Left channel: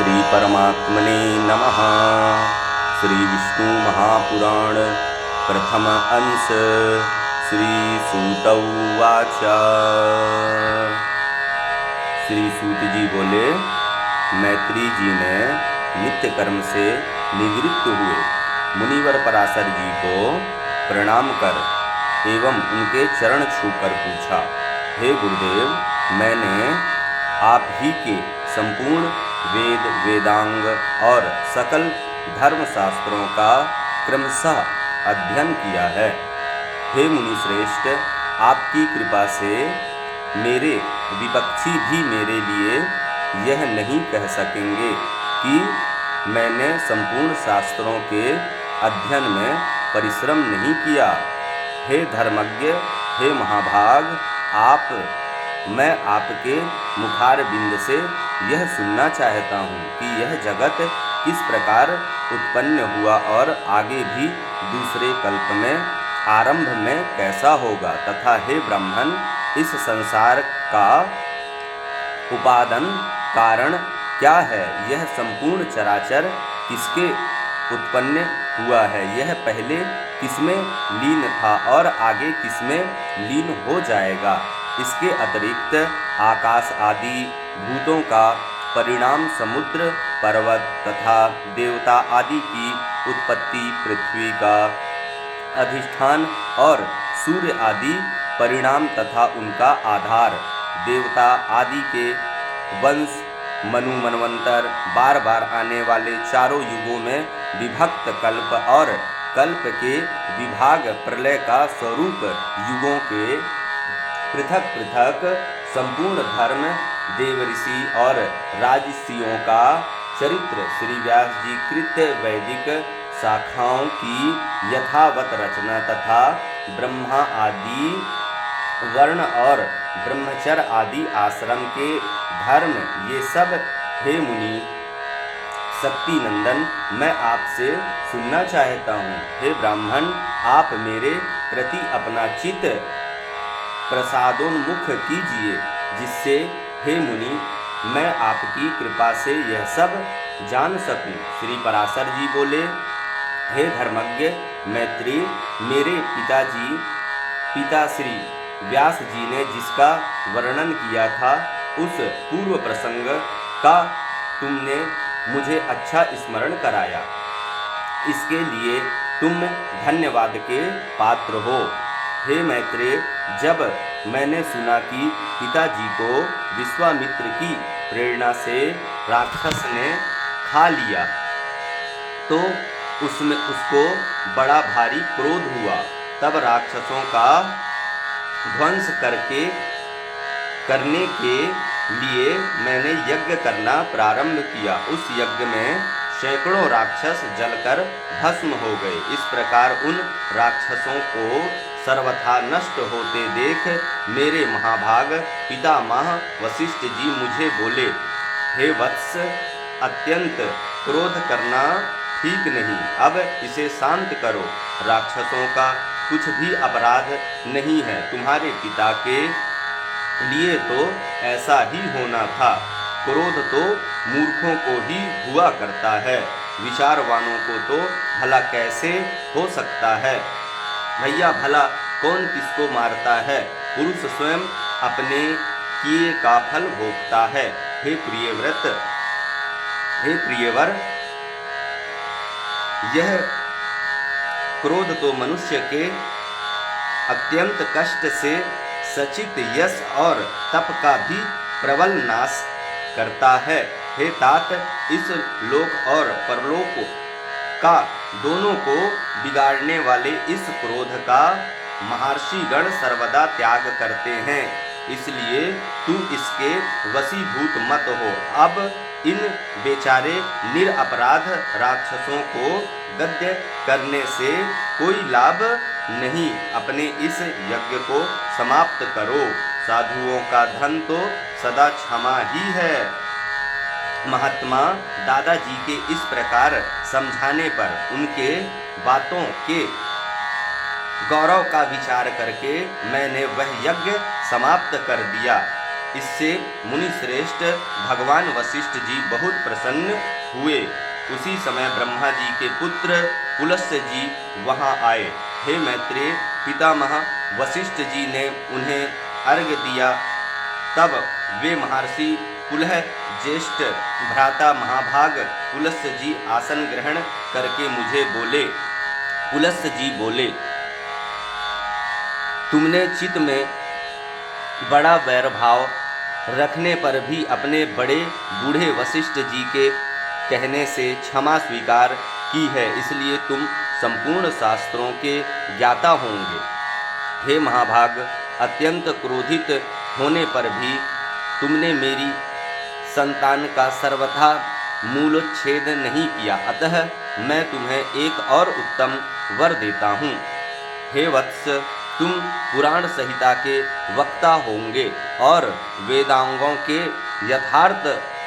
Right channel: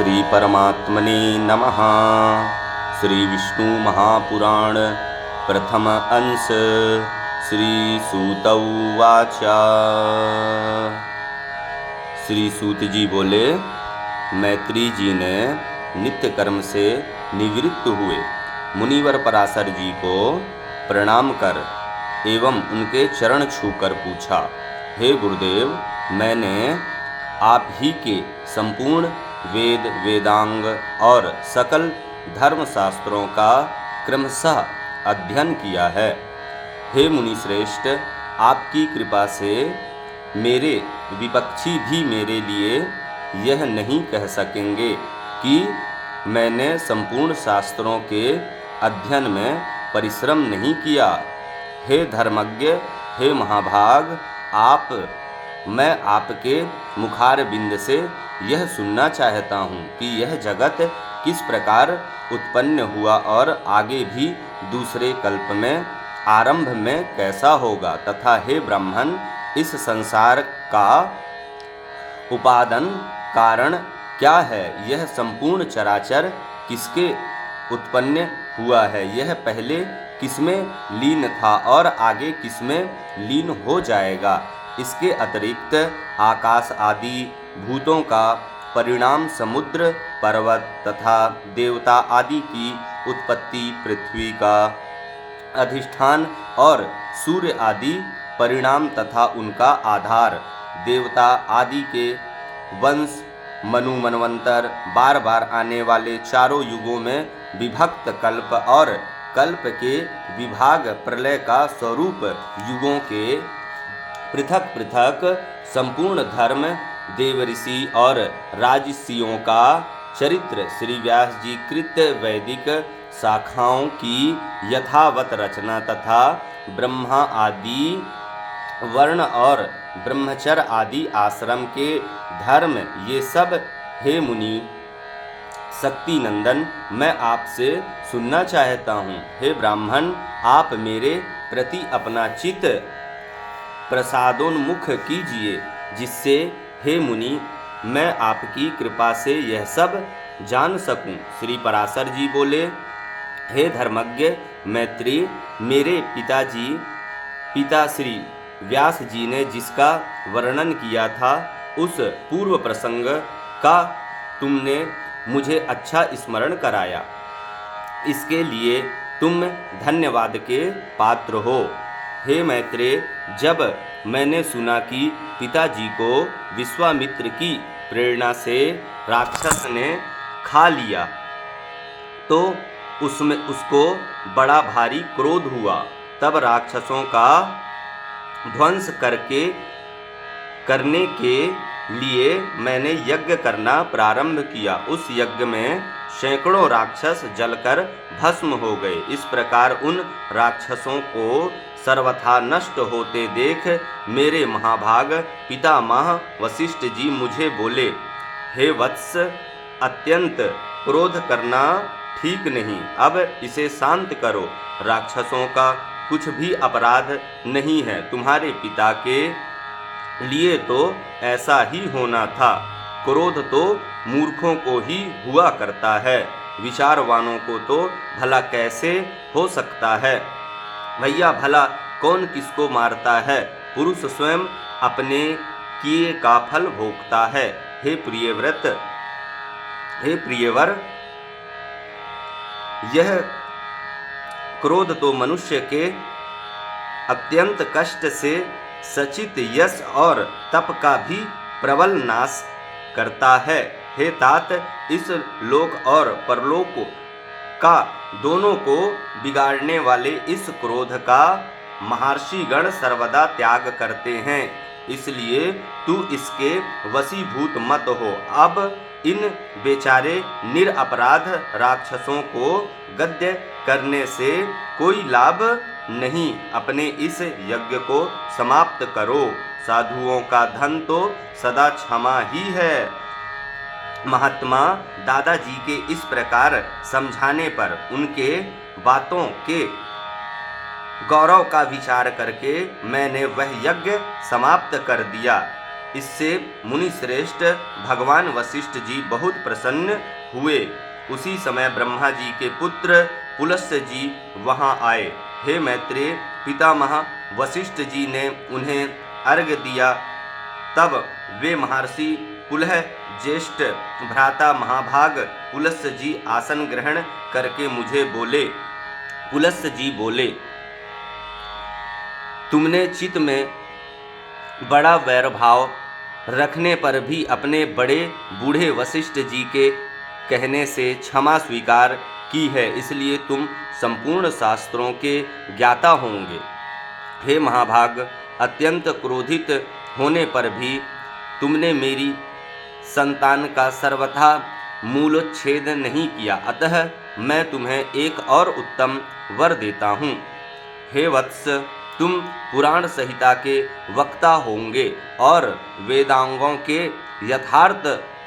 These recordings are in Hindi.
श्री परमात्मने नमः। श्री विष्णु महापुराण प्रथम अंश। श्री सूत उवाच। श्री सूत जी बोले, मैत्री जी ने नित्य कर्म से निवृत्त हुए मुनिवर पराशर जी को प्रणाम कर एवं उनके चरण छूकर पूछा, हे गुरुदेव, मैंने आप ही के संपूर्ण वेद वेदांग और सकल धर्मशास्त्रों का क्रमशः अध्ययन किया है। हे मुनि श्रेष्ठ, आपकी कृपा से मेरे विपक्षी भी मेरे लिए यह नहीं कह सकेंगे कि मैंने संपूर्ण शास्त्रों के अध्ययन में परिश्रम नहीं किया। हे धर्मज्ञ, हे महाभाग, मैं आपके मुखार बिंद से यह सुनना चाहता हूँ कि यह जगत किस प्रकार उत्पन्न हुआ और आगे भी दूसरे कल्प में आरंभ में कैसा होगा, तथा हे ब्राह्मण, इस संसार का उपादान कारण क्या है, यह संपूर्ण चराचर किसके उत्पन्न हुआ है, यह पहले किसमें लीन था और आगे किसमें लीन हो जाएगा। इसके अतिरिक्त आकाश आदि भूतों का परिणाम, समुद्र पर्वत तथा देवता आदि की उत्पत्ति, पृथ्वी का अधिष्ठान और सूर्य आदि परिणाम तथा उनका आधार, देवता आदि के वंश, मनु मनवंतर, बार बार आने वाले चारों युगों में विभक्त कल्प और कल्प के विभाग, प्रलय का स्वरूप, युगों के पृथक पृथक संपूर्ण धर्म, देव ऋषि और राजर्षियों का चरित्र, श्री व्यास जी कृत वैदिक शाखाओं की यथावत रचना तथा ब्रह्मा आदि वर्ण और ब्रह्मचर्य आदि आश्रम के धर्म, ये सब हे मुनि शक्ति नंदन मैं आपसे सुनना चाहता हूँ। हे ब्राह्मण, आप मेरे प्रति अपना चित्त प्रसादोन्मुख कीजिए, जिससे हे मुनि मैं आपकी कृपा से यह सब जान सकूं। श्री पराशर जी बोले, हे धर्मज्ञ मैत्री, मेरे पिता श्री व्यास जी ने जिसका वर्णन किया था, उस पूर्व प्रसंग का तुमने मुझे अच्छा स्मरण कराया। इसके लिए तुम धन्यवाद के पात्र हो। हे मैत्रेय, जब मैंने सुना कि पिताजी को विश्वामित्र की प्रेरणा से राक्षस ने खा लिया, तो उसको बड़ा भारी क्रोध हुआ। तब राक्षसों का ध्वंस करने के लिए मैंने यज्ञ करना प्रारंभ किया। उस यज्ञ में सैकड़ों राक्षस जलकर भस्म हो गए। इस प्रकार उन राक्षसों को सर्वथा नष्ट होते देख मेरे महाभाग पितामह वशिष्ठ जी मुझे बोले, हे वत्स, अत्यंत क्रोध करना ठीक नहीं, अब इसे शांत करो। राक्षसों का कुछ भी अपराध नहीं है। तुम्हारे पिता के लिए तो ऐसा ही होना था। क्रोध तो मूर्खों को ही हुआ करता है, विचारवानों को तो भला कैसे हो सकता है। भैया, भला कौन किसको मारता है, पुरुष स्वयं अपने किए का फल भोगता है। हे प्रियवर, यह क्रोध तो मनुष्य के अत्यंत कष्ट से सचित यश और तप का भी प्रबल नाश करता है। हे तात, इस लोक और परलोक का दोनों को बिगाड़ने वाले इस क्रोध का महर्षि गण सर्वदा त्याग करते हैं, इसलिए तू इसके वशीभूत मत हो। अब इन बेचारे निरपराध राक्षसों को गद्य करने से कोई लाभ नहीं। अपने इस यज्ञ को समाप्त करो। साधुओं का धन तो सदा क्षमा ही है। महात्मा दादाजी के इस प्रकार समझाने पर उनके बातों के गौरव का विचार करके मैंने वह यज्ञ समाप्त कर दिया। इससे मुनि श्रेष्ठ भगवान वशिष्ठ जी बहुत प्रसन्न हुए। उसी समय ब्रह्मा जी के पुत्र पुलस्त्य जी वहाँ आए। हे मैत्रेय, पितामह वशिष्ठ जी ने उन्हें अर्घ्य दिया। तब वे महर्षि पुलह ज्येष्ठ भ्राता महाभाग पुलस्त्य जी आसन ग्रहण करके मुझे बोले। पुलस्त्य जी बोले, तुमने चित्त में बड़ा वैरभाव रखने पर भी अपने बड़े बूढ़े वशिष्ठ जी के कहने से क्षमा स्वीकार की है, इसलिए तुम संपूर्ण शास्त्रों के ज्ञाता होंगे। हे महाभाग, अत्यंत क्रोधित होने पर भी तुमने मेरी संतान का सर्वथा मूलोच्छेद नहीं किया, अतः मैं तुम्हें एक और उत्तम वर देता हूँ। हे वत्स, तुम पुराण संहिता के वक्ता होंगे और वेदांगों के यथार्थ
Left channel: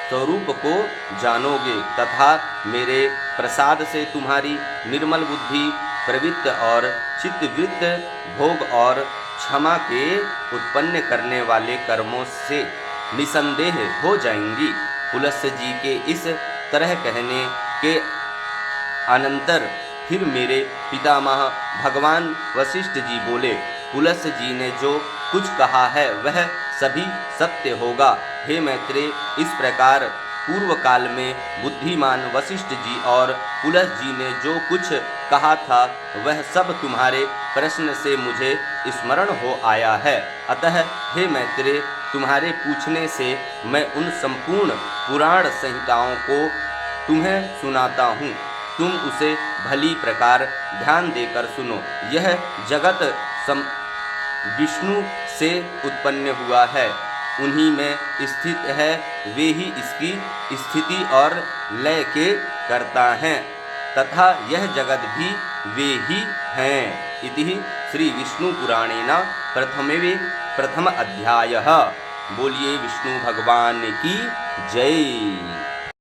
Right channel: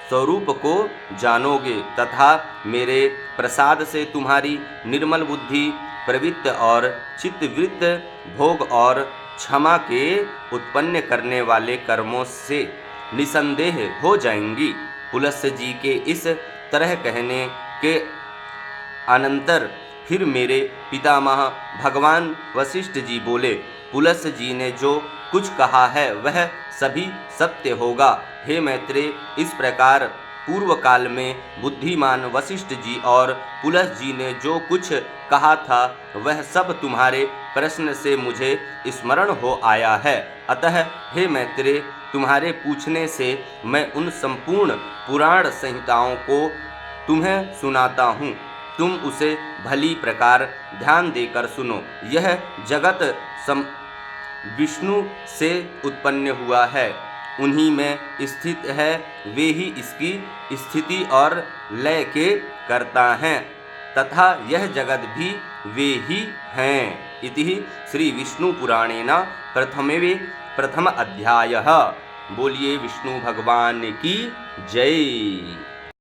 स्वरूप को जानोगे तथा मेरे प्रसाद से तुम्हारी निर्मल बुद्धि प्रवृत्त और चित्तवृत्त भोग और क्षमा के उत्पन्न करने वाले कर्मों से निसंदेह हो जाएंगी। पुलस्त्य जी के इस तरह कहने के अनंतर फिर मेरे पितामह भगवान वशिष्ठ जी बोले, पुलस्त्य जी ने जो कुछ कहा है वह सभी सत्य होगा। हे मैत्रेय, इस प्रकार पूर्व काल में बुद्धिमान वशिष्ठ जी और पुलस्त्य जी ने जो कुछ कहा था वह सब तुम्हारे प्रश्न से मुझे स्मरण हो आया है। अतः हे मैत्रेय, तुम्हारे पूछने से मैं उन संपूर्ण पुराण संहिताओं को तुम्हें सुनाता हूँ। तुम उसे भली प्रकार ध्यान देकर सुनो। यह जगत विष्णु से उत्पन्न हुआ है, उन्हीं में स्थित है, वे ही इसकी स्थिति और लय के कर्ता हैं तथा यह जगत भी वे ही हैं। इति श्री विष्णु पुराणेन प्रथम अध्यायः। बोलिए विष्णु भगवान की जय।